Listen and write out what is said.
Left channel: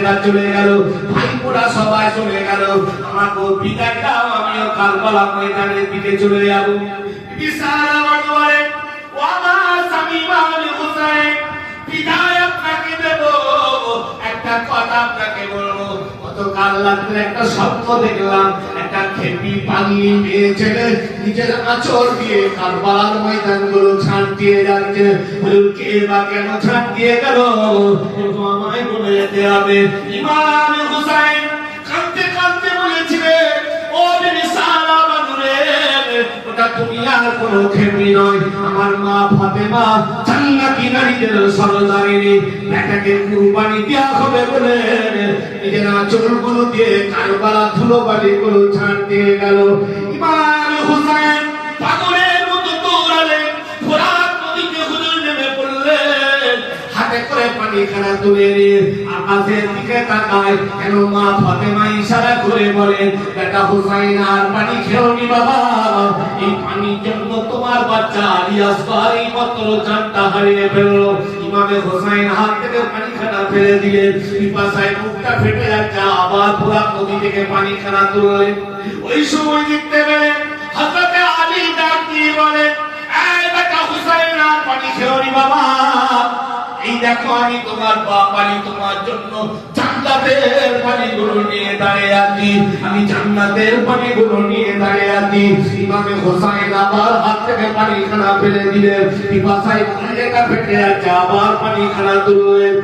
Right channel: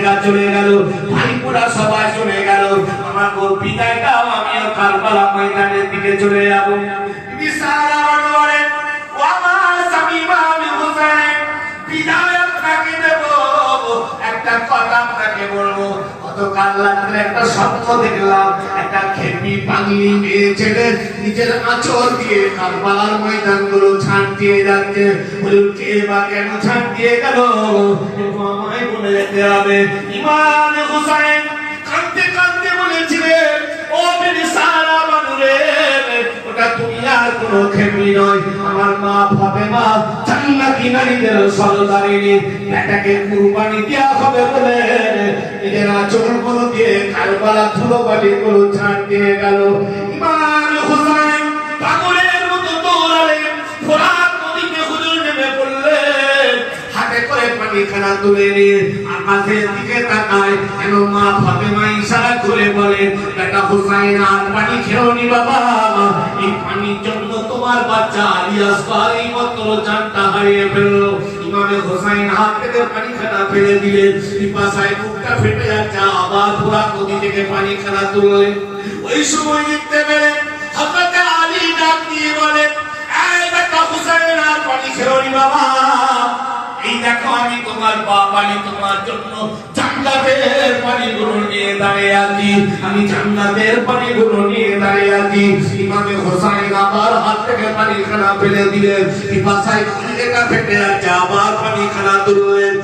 বোনেরা চলে গেল, ভাইপোরা সবাই চলে গেল, আমাকে বিদায় দাও, আমিও কারবালা ময়দানের দিকে চলে যাব। বিশাল আমার বলে, ও আমার স্বামী ইমাম হোসেন, বিদায় আপনাকে দেব, একটা কথা আপনাকে বলবো। গতকাল রাত্রে একটা স্বপ্ন দেখলাম, একটা খেপি পাগলি মেয়ে ছেলে নিজের আঁচল দিয়ে কারবালার ময়দান গুলো ছাড় দিয়ে যাচ্ছে। বলুন কে বা কেন ছাড় দিয়ে গেল, আমায় বলে যেতে হবে। ইমাম হোসেন কাঁদতে কাঁদতে বলেছিলেন, ও বিশালা বানুরে, ওটা তুমি আর কোনো খেপি নয়, আমার মা ফাতেমা জান্নাতি নারীদের সরদারিনী, বেটাকে কুরবানি দেওয়া হবে বলে নিজের আঁচলগুলো দিয়ে কারবালা ধুলো বালি গুলো ছাড় দিয়ে গেল। ইমাম হোসেন পাগলের মতো দৌড়ালেন, ফোরাত নদীতে হুজুর নেমে পড়লেন, হাতে করে পানিখানা তুলে নিয়ে আকাশের দিকে তাকায়। কেন মা ফাতেমা ইশারা করে বলে, বেটা হুসাইন আর পানি খেওনি বাবা, এই পানির জন্য তোমার বাচ্চা আলী আসগর এই মাত্র জানটা হারিয়ে ফেলল। ইমামে হোসেন হাত থেকে পানিখানা ফেলে দিলেন, পিপাসায় মুখটা ফেটে যাচ্ছে, আবার পুরা নদী থেকে পানিখানা তুললেন। ওই সময় দেখতে পেলেন হযরত আলী ডাক দিয়ে বলেন, এই বেটা হুসাইন আর পানি খেওনি বাবা, এই দেখো আমি তোমার বাপ আলী তোমার জন্য জান্নাতের পানিগুলো নিয়ে দাঁড়িয়ে আছি, আমি জান্নাতের পানিগুলো নিয়ে দাঁড়িয়ে আছি। ইমামে হোসেন আবার হাত থেকে পানিখানা ফেলে দিলেন, পিপাসায় কলিজাটা ফেটে যাচ্ছে, আবার পানিখানা তুললেন।